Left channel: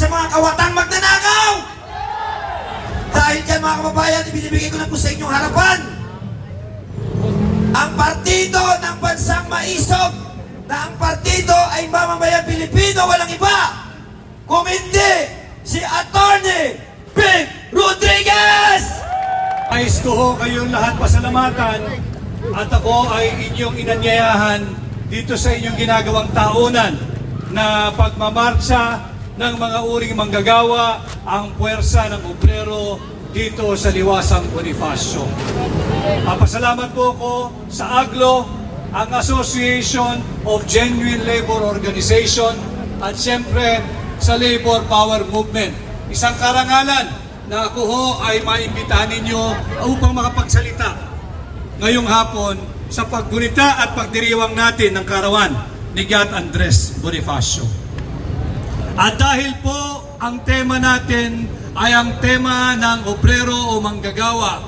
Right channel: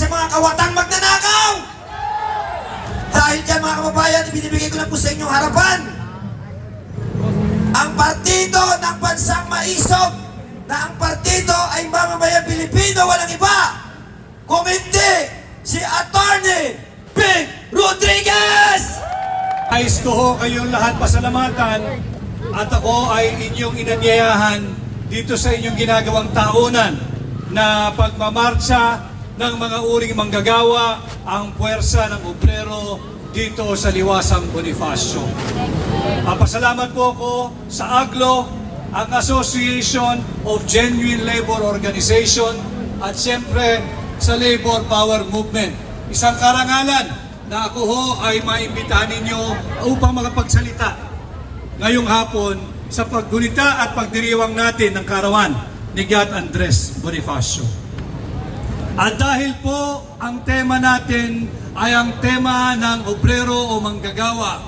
sa mga kawatang magnanakaw! Dahil dyan mga kababayan, ibinibigay ko na po sa inyong harapan ang partido ng bansang maisog na ang partido ay mamamayang Pilipino, walang iba. Kung hindi, si Attorney Ping Rodriguez! Nais ko ho kayong lahat pasalamatan at ako ay inyong inanyayahan dito sa inyong ginagawang taunan na pagmamarcha ng mga uring manggagawa ang puwersa ng obrero dito sa Liwasang Bonifacio. Papasalamat po ko sa AGLO, ang Association of Genuine Labor Organization at siyempre sa Labor Power Movement. Isang karangalan na ako ho ay maimbitahan ninyo upang makapagsalita ngayong hapon sa paggunita at pagdiriwang natin ng karawan ni God Andres Bonifacio. At dahil po ang tema natin ay ang tema ng obrero o manggagawa,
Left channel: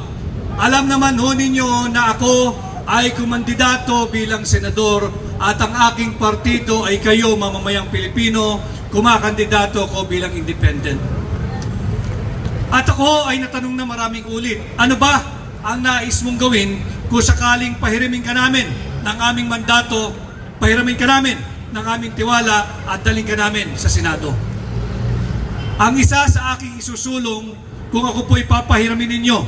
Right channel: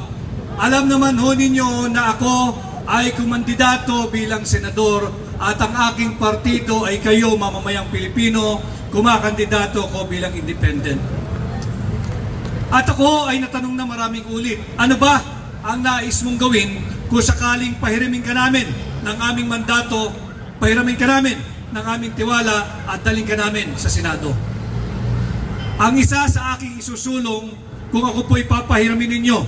alam naman ho ninyo na ako ay kumandidato bilang senador at ang aking partido ay kayo mamamayang Pilipino, kumakandidato ko bilang independent. At ako ay natanong na maraming ulit, ano ba ang nais mong gawin kung sakaling pahiramin ka namin ng aming mandato, pahiramin ka namin ng aming tiwala at daling ka namin sa Senado. Ang isa sa aking isusulong kung ako po'y papahiramin ninyo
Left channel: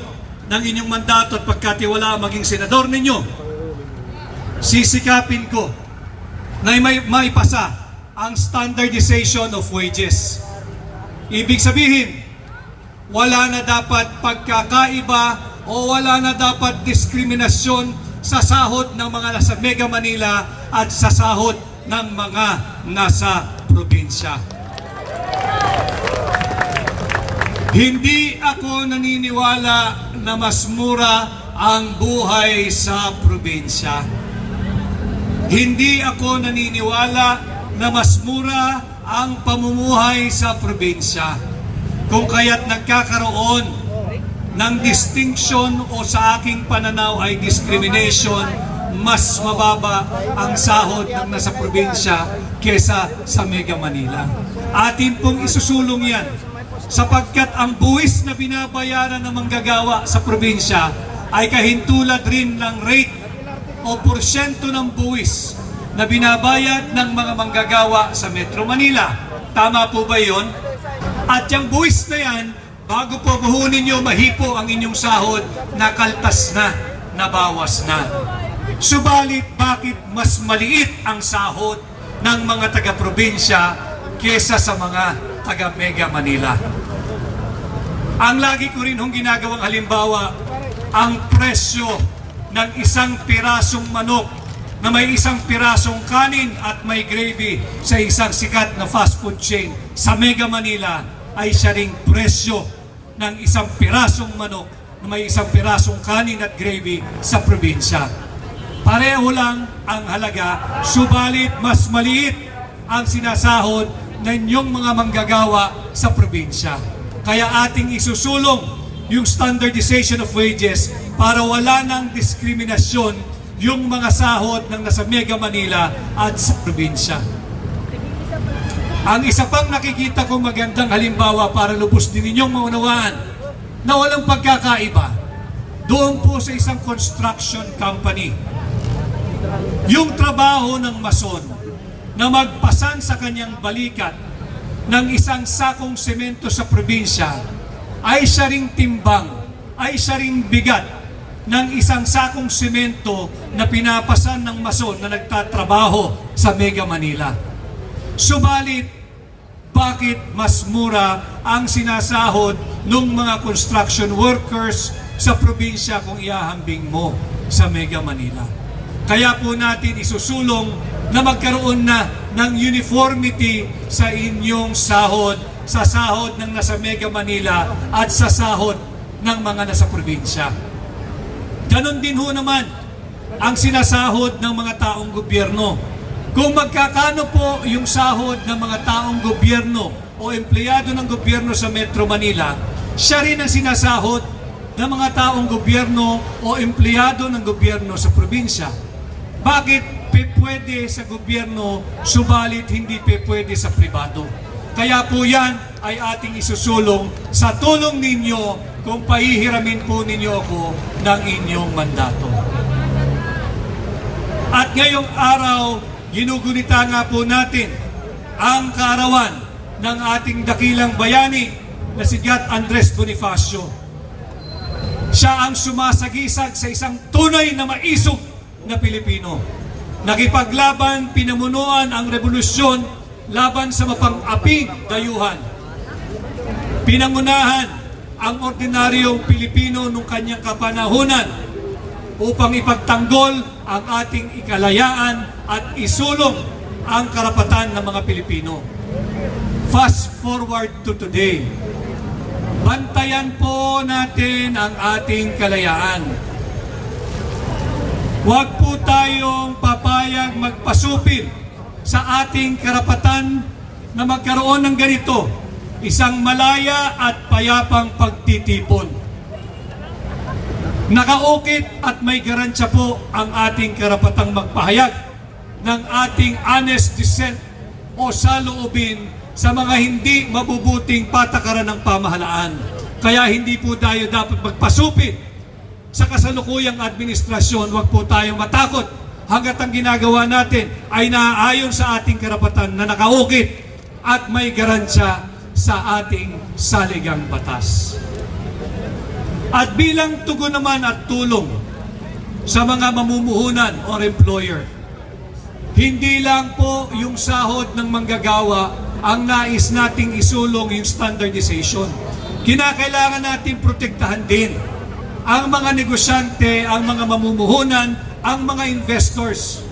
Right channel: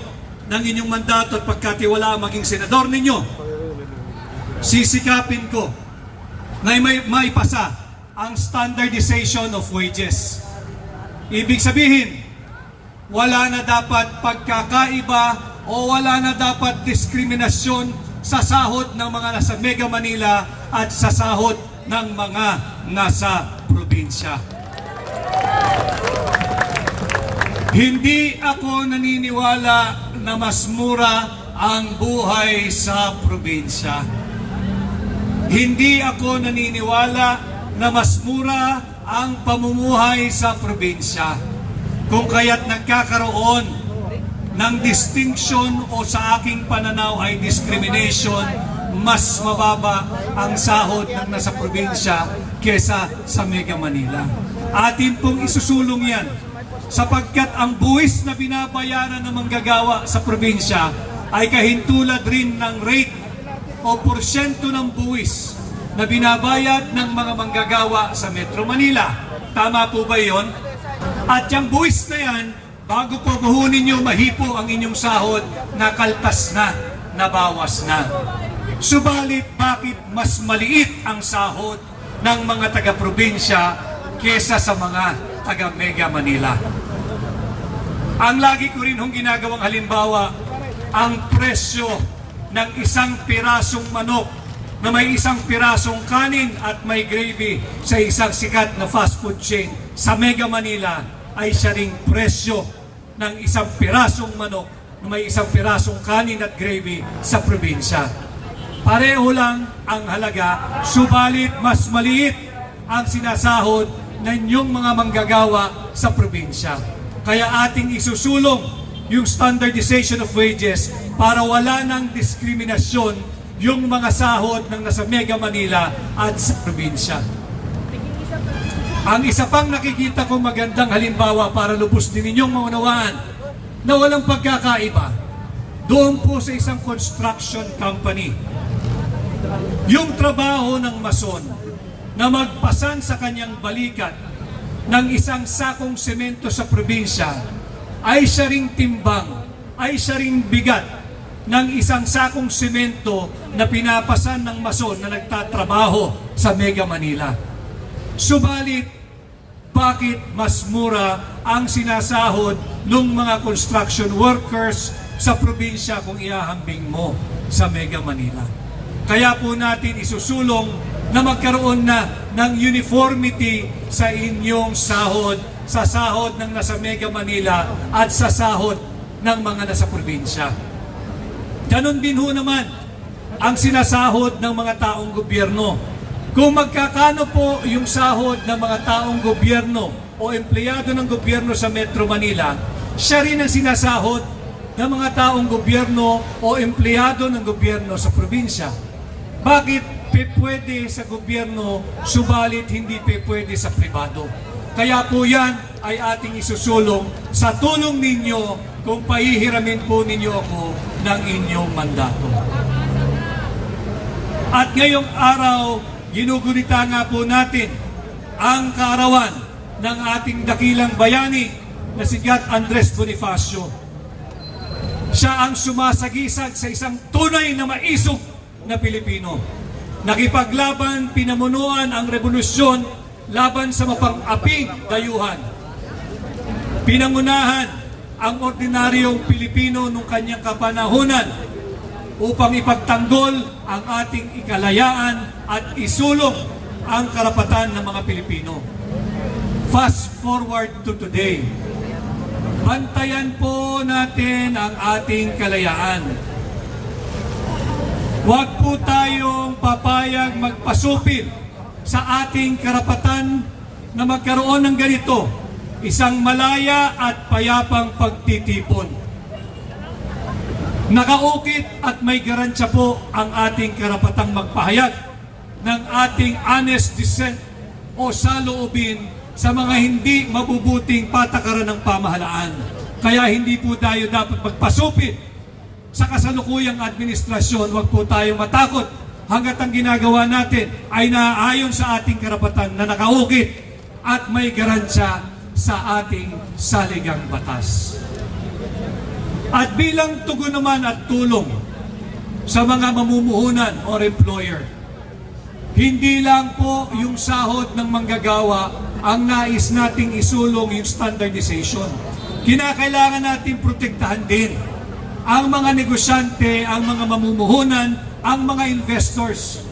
ng inyong mandato at pagkatiwala maging senador ninyo, sisikapin ko na may maipasa ang standardization of wages. Ibig sabihin, wala na dapat pagkakaiba o wala na dapat diskriminasyon sa sahod ng mga nasa Mega Manila at sa sahod ng mga nasa probinsya. Hindi ako naniniwala na mas mura ang buhay sa probinsya. Hindi ako naniniwala na mas mura ang pamumuhay sa probinsya. Kung kaya't nagkakaroon ng distinction o sa aking pananaw ay discrimination, mas mababa ang sahod ng nasa probinsya kesa sa Mega Manila. Atin pong isusulong yan sapagkat ang buwis na binabayaran ng manggagawa sa probinsya ay kahintulad rin ng rate o porsyento ng buwis na binabayad ng mga manggagawa sa Metro Manila. Tama po ba yon? At yung buwis na yan, bago po buhunin nyo mahipo ang inyong sahod, nakaltas na, nabawas na. Subalit, bakit mas maliit ang sahod ng mga taga-probinsya kesa sa mga taga-Mega Manila? Ang lagi ko rin hong ginagawang halimbawa, ang presyo ng isang pirasong manok na may isang pirasong kanin at may gravy sa isang sikat na fast food chain sa Mega Manila ay siya ring presyo ng isang pirasong manok na may isang pirasong kanin at gravy sa probinsya. Pareho lang ang halaga, subalit mas maliit ang sinasahod ng inyong mga manggagawa sa probinsya. Kaya ating isusulong yung standardization of wages para wala ng diskriminasyon yung mga sahod ng nasa Mega Manila at sa probinsya. Ang isa pang nakikita ko magandang halimbawa para lubos din ninyong maunawaan na walang pagkakaiba doon po sa isang construction company. Yung trabaho ng mason na magpasan sa kanyang balikat ng isang sakong semento sa probinsya ay siya ring timbang, ay siya ring bigat ng isang sakong semento na pinapasan ng mason na nagtatrabaho sa Mega Manila. Subalit, bakit mas mura ang sinasahod ng mga construction workers sa probinsya kung iahambing mo sa Mega Manila? Kaya po natin isusulong na magkaroon na ng uniformity sa inyong sahod, sa sahod ng nasa Mega Manila at sa sahod ng mga nasa probinsya. Ganon din ho naman ang sinasahod ng mga taong gobyerno. Kung magkakano po yung sahod ng mga taong gobyerno o empleyado ng gobyerno sa Metro Manila, siya rin ang sinasahod ng mga taong gobyerno o empleyado ng gobyerno sa probinsya. Bakit pwede sa gobyerno, subalit hindi pwede sa pribado? Kaya po yan ay ating isusulong sa tulong ninyo kung pahihiramin po ninyo ako ng inyong mandato. At ngayong araw, ginugunita nga po natin ang kaarawan ng ating dakilang bayani na si Gat Andres Bonifacio. Siya ang sumasagisag sa isang tunay na maisog na Pilipino. Nakipaglaban, pinamunuan ang revolusyon laban sa mapang-aping dayuhan. Pinangunahan ang ordinaryong Pilipino nung kanyang kapanahunan upang ipagtanggol ang ating ikalayaan at isulong ang karapatan ng mga Pilipino. Fast forward to today. Bantayan po natin ang ating kalayaan. Huwag po tayong papayag magpasupil sa ating karapatan na magkaroon ng ganito, isang malaya at payapang pagtitipon. Nakaukit at may garansya po ang ating karapatang magpahayag ng ating honest dissent o saloobin sa mga hindi mabubuting patakaran ng pamahalaan. Kaya hindi po tayo dapat magpasupit sa kasalukuyang administrasyon. Huwag po tayong matakot hanggat ang ginagawa natin ay naaayon sa ating karapatan na nakaukit at may garansya sa ating saligang batas. At bilang tugon naman at tulong sa mga mamumuhunan or employer, hindi lang po yung sahod ng manggagawa ang nais nating isulong yung standardization. Kinakailangan natin protektahan din ang mga negosyante, ang mga mamumuhunan, ang mga investors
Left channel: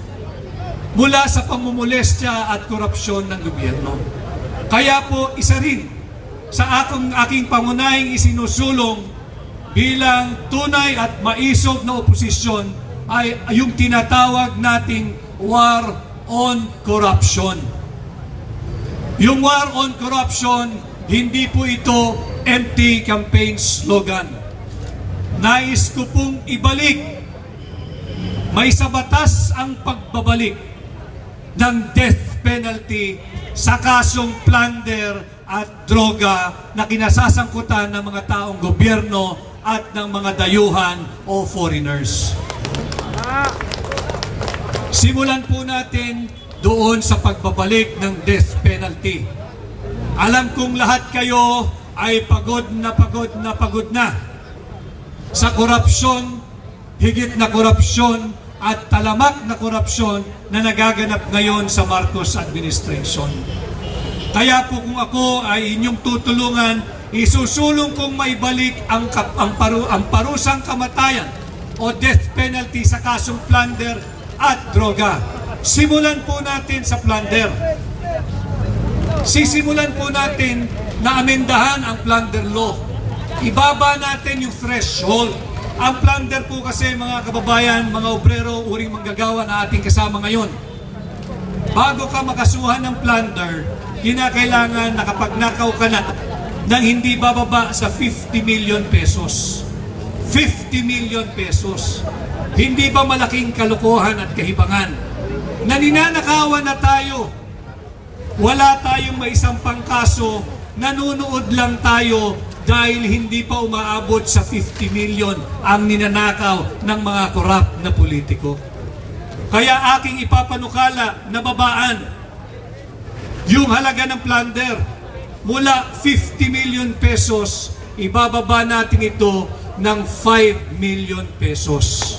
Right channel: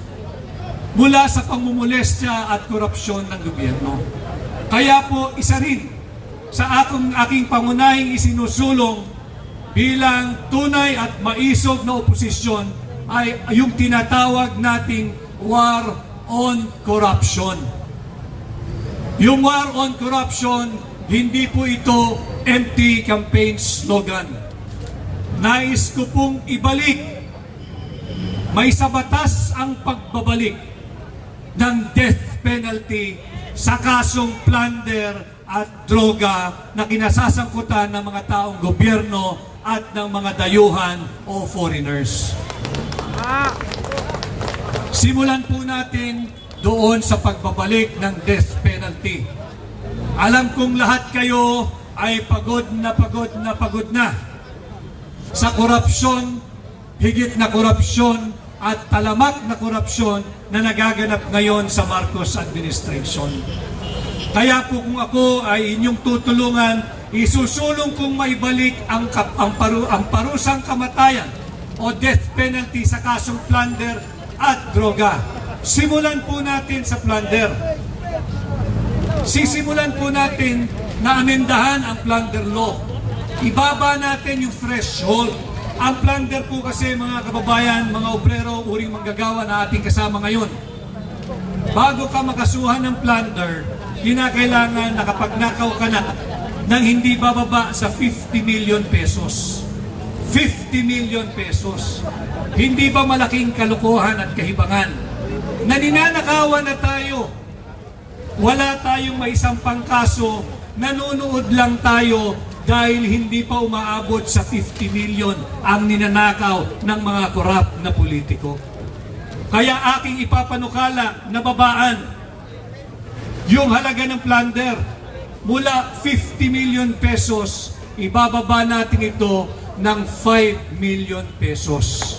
mula sa pangmumulestya at korupsyon ng gobyerno. Kaya po isa rin sa akong aking pangunahing isinusulong bilang tunay at maisog na oposisyon ay yung tinatawag nating war on corruption. Yung war on corruption, hindi po ito empty campaign slogan. Nais ko pong ibalik, may sa batas ang pagbabalik ng death penalty sa kasong plunder at droga na kinasasangkutan ng mga taong gobyerno at ng mga dayuhan o foreigners. Simulan po natin doon sa pagbabalik ng death penalty. Alam kong lahat kayo ay pagod na pagod na pagod na sa korupsyon, higit na korupsyon at talamak na korupsyon na nagaganap ngayon sa Marcos administration. Kaya po kung ako ay inyong tutulungan, isusulong kong maibalik ang, kap, ang, paru, ang parusang kamatayan o death penalty sa kasong plunder at droga. Simulan po natin sa plunder. Sisimulan po natin na amendahan ang plunder law. Ibaba natin yung threshold. Ang plunder po kasi mga kababayan, mga obrero, uring manggagawa na ating kasama ngayon. Bago ka makasuhan ng plunder, kinakailangan nakapagnakaw ka na ng hindi bababa sa 50 million pesos. 50 million pesos. Hindi ba malaking kalukuhan at kahibangan? Naninanakawan na tayo. Wala tayong may isampang kaso, nanunood lang tayo dahil hindi pa umaabot sa 50 million ang ninanakaw ng mga korap na politiko. Kaya aking ipapanukala na babaan yung halaga ng plunder mula 50 million pesos, ibababa natin ito ng 5 million pesos.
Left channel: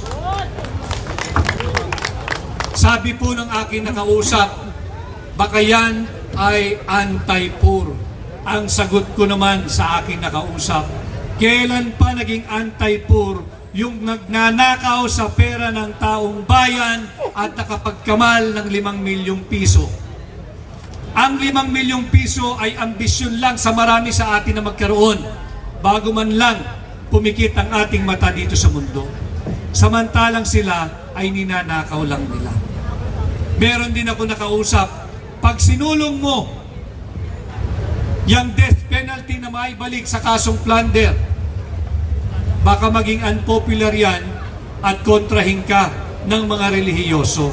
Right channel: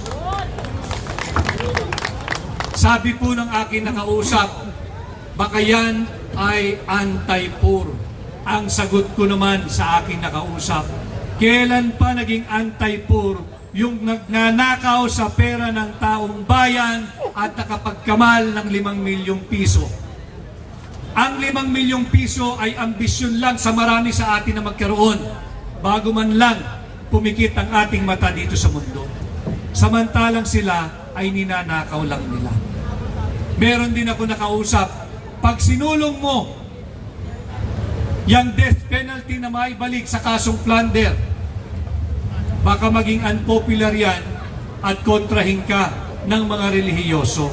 Sabi po ng aking nakausap, baka yan ay anti-poor. Ang sagot ko naman sa aking nakausap, kailan pa naging anti-poor yung nagnanakaw sa pera ng taong bayan at nakapagkamal ng 5 milyong piso. Ang 5 milyong piso ay ambisyon lang sa marami sa atin na magkaroon bago man lang pumikit ang ating mata dito sa mundo. Samantalang sila ay ninanakaw lang nila. Meron din ako nakausap, pag sinulong mo yung death penalty na may balik sa kasong plunder, baka maging unpopular yan at kontrahin ka ng mga relihiyoso.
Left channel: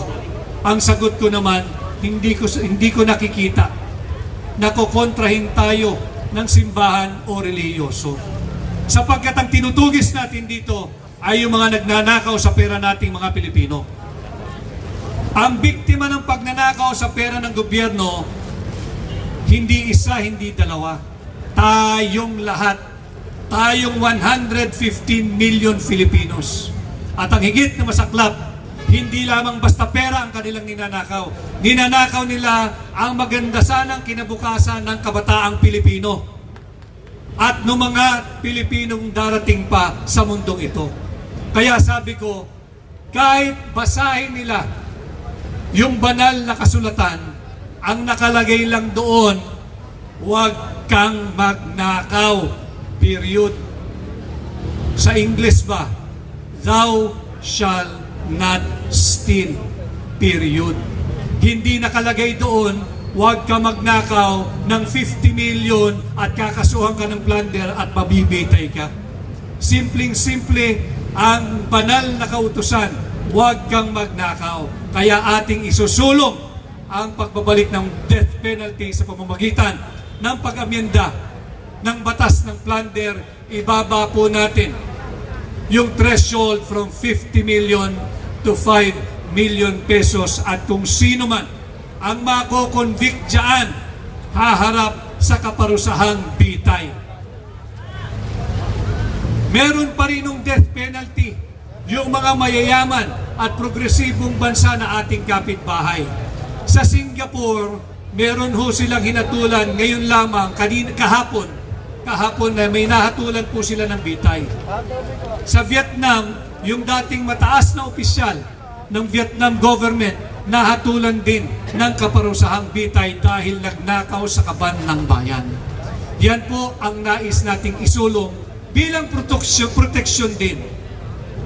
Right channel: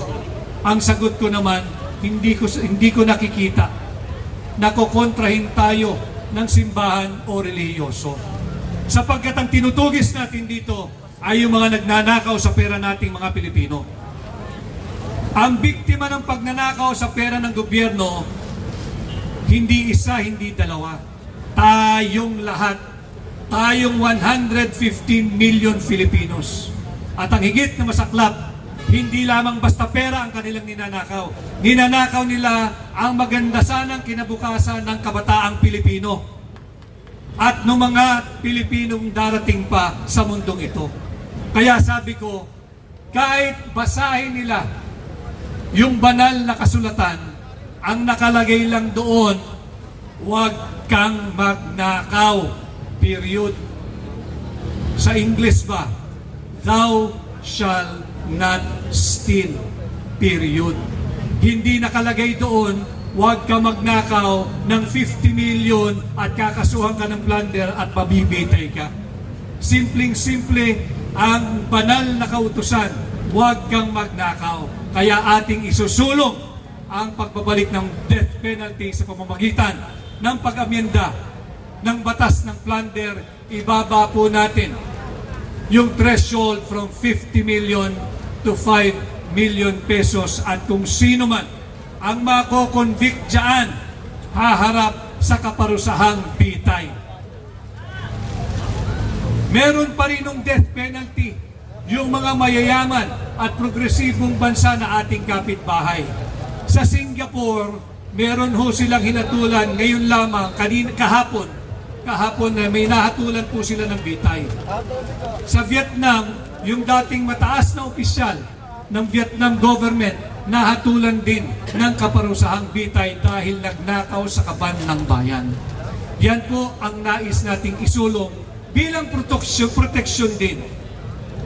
Ang sagot ko naman, hindi ko hindi ko nakikita na kukontrahin tayo ng simbahan o relihiyoso. Sapagkat ang tinutugis natin dito ay yung mga nagnanakaw sa pera nating mga Pilipino. Ang biktima ng pagnanakaw sa pera ng gobyerno, hindi isa, hindi dalawa. Tayong lahat. Tayong 115 million Filipinos. At ang higit na masaklap, hindi lamang basta pera ang kanilang ninanakaw. Ninanakaw nila ang maganda sanang kinabukasan ng kabataang Pilipino. At ng mga Pilipinong darating pa sa mundong ito. Kaya sabi ko, kahit basahin nila yung banal na kasulatan, ang nakalagay lang doon, huwag kang magnakaw. Period. Sa English ba? Thou shall not steal. Period. Hindi nakalagay doon, huwag ka magnakaw ng 50 million at kakasuhan ka ng plunder at mabibitay ka. Simpleng-simple ang banal na kautusan, huwag kang magnakaw. Kaya ating isusulong ang pagbabalik ng death penalty sa pamamagitan ng pag-amyenda ng batas ng plunder, ibaba po natin yung threshold from 50 million to 5 million pesos at kung sino man ang mako-convict dyan, haharap sa kaparusahang bitay. Meron pa rin ng death penalty yung mga mayayaman at progresibong bansa na ating kapitbahay. Sa Singapore, meron ho silang hinatulan ngayon lamang, kanina, kahapon, kahapon na may nahatulan po sila ng bitay. Sa Vietnam, yung dating mataas na opisyal ng Vietnam government nahatulan din ng kaparusahang bitay dahil nagnakaw sa kaban ng bayan. Yan po ang nais nating isulong bilang proteksyon, proteksyon din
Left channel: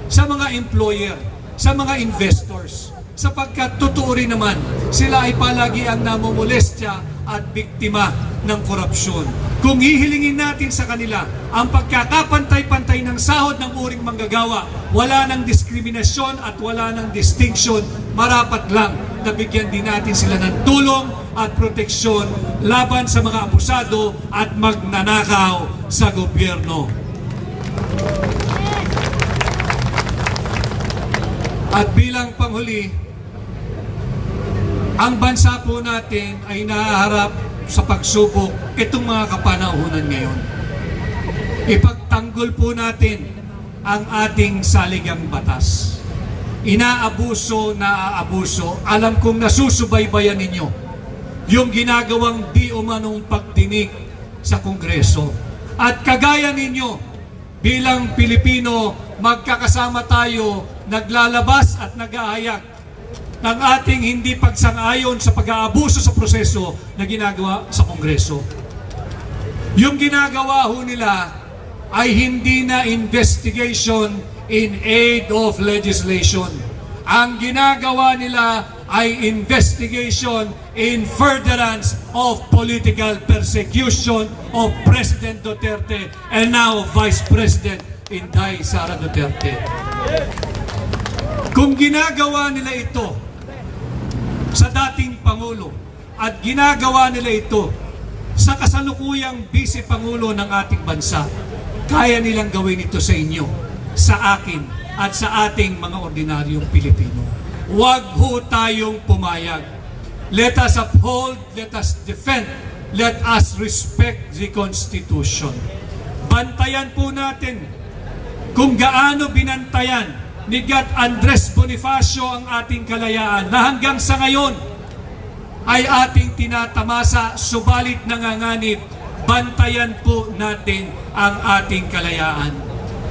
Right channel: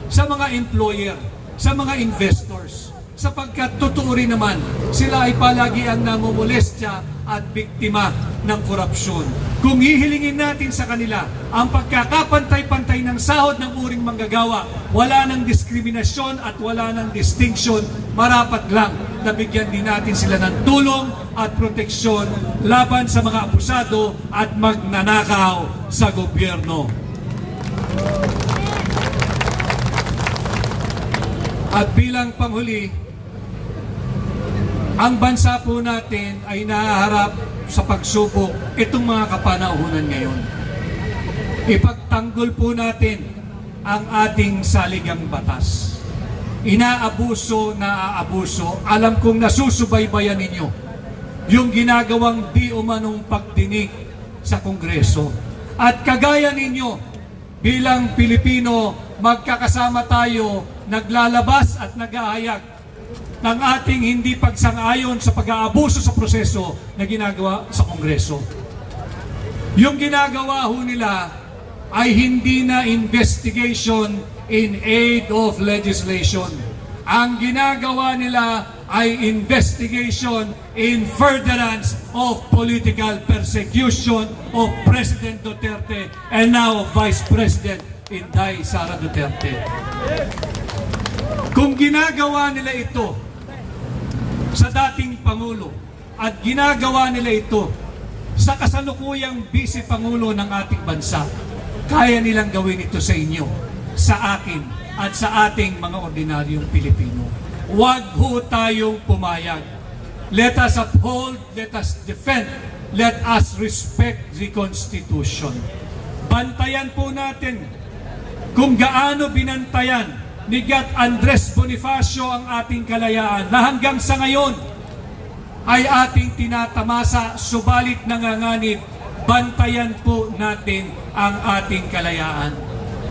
sa mga employer, sa mga investors. Sapagkat totoo rin naman, sila ay palagi ang namumulestya at biktima ng korupsyon. Kung hihilingin natin sa kanila ang pagkakapantay-pantay ng sahod ng uring manggagawa, wala ng diskriminasyon at wala ng distinction, marapat lang na bigyan din natin sila ng tulong at proteksyon laban sa mga abusado at magnanakaw sa gobyerno. At bilang panghuli, ang bansa po natin ay nahaharap sa pagsubok itong mga kapanahunan ngayon. Ipagtanggol po natin ang ating saligang batas. Inaabuso, naaabuso. Alam kong nasusubaybayan ninyo yung ginagawang di umanong pagdinig sa Kongreso. At kagaya ninyo, bilang Pilipino, magkakasama tayo, naglalabas at nag-aayag ng ating hindi pagsang-ayon sa pag-aabuso sa proseso na ginagawa sa Kongreso. Yung ginagawa ho nila ay hindi na investigation in aid of legislation. Ang ginagawa nila ay investigation in furtherance of political persecution of President Duterte and now Vice President Inday Sara Duterte. Kung ginagawa nila ito sa dating Pangulo at ginagawa nila ito sa kasalukuyang Vice Pangulo ng ating bansa, kaya nilang gawin ito sa inyo, sa akin, at sa ating mga ordinaryong Pilipino. Huwag ho tayong pumayag. Let us uphold, let us defend, let us respect the Constitution. Bantayan po natin kung gaano binantayan ni Gat Andres Bonifacio ang ating kalayaan na hanggang sa ngayon ay ating tinatamasa, subalit nanganganib, bantayan po natin ang ating kalayaan.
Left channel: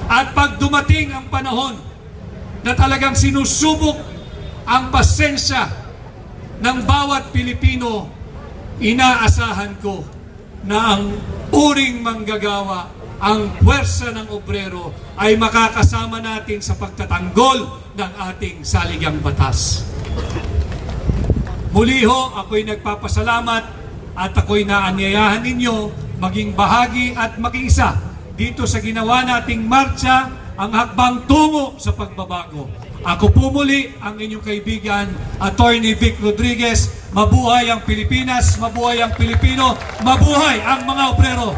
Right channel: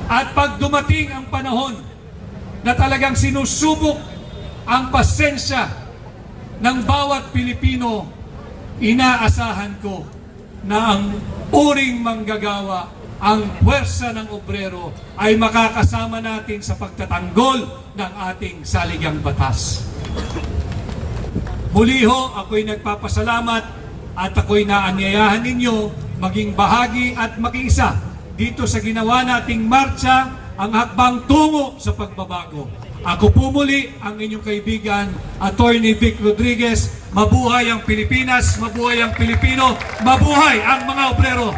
At pag dumating ang panahon na talagang sinusubok ang pasensya ng bawat Pilipino, inaasahan ko na ang uring manggagawa, ang puwersa ng obrero ay makakasama natin sa pagtatanggol ng ating saligang batas. Muli ho, ako'y nagpapasalamat at ako'y naanyayahan ninyo maging bahagi at makiisa dito sa ginawa nating marcha ang hakbang tungo sa pagbabago. Ako po muli ang inyong kaibigan, Attorney Vic Rodriguez. Mabuhay ang Pilipinas, mabuhay ang Pilipino, mabuhay ang mga obrero.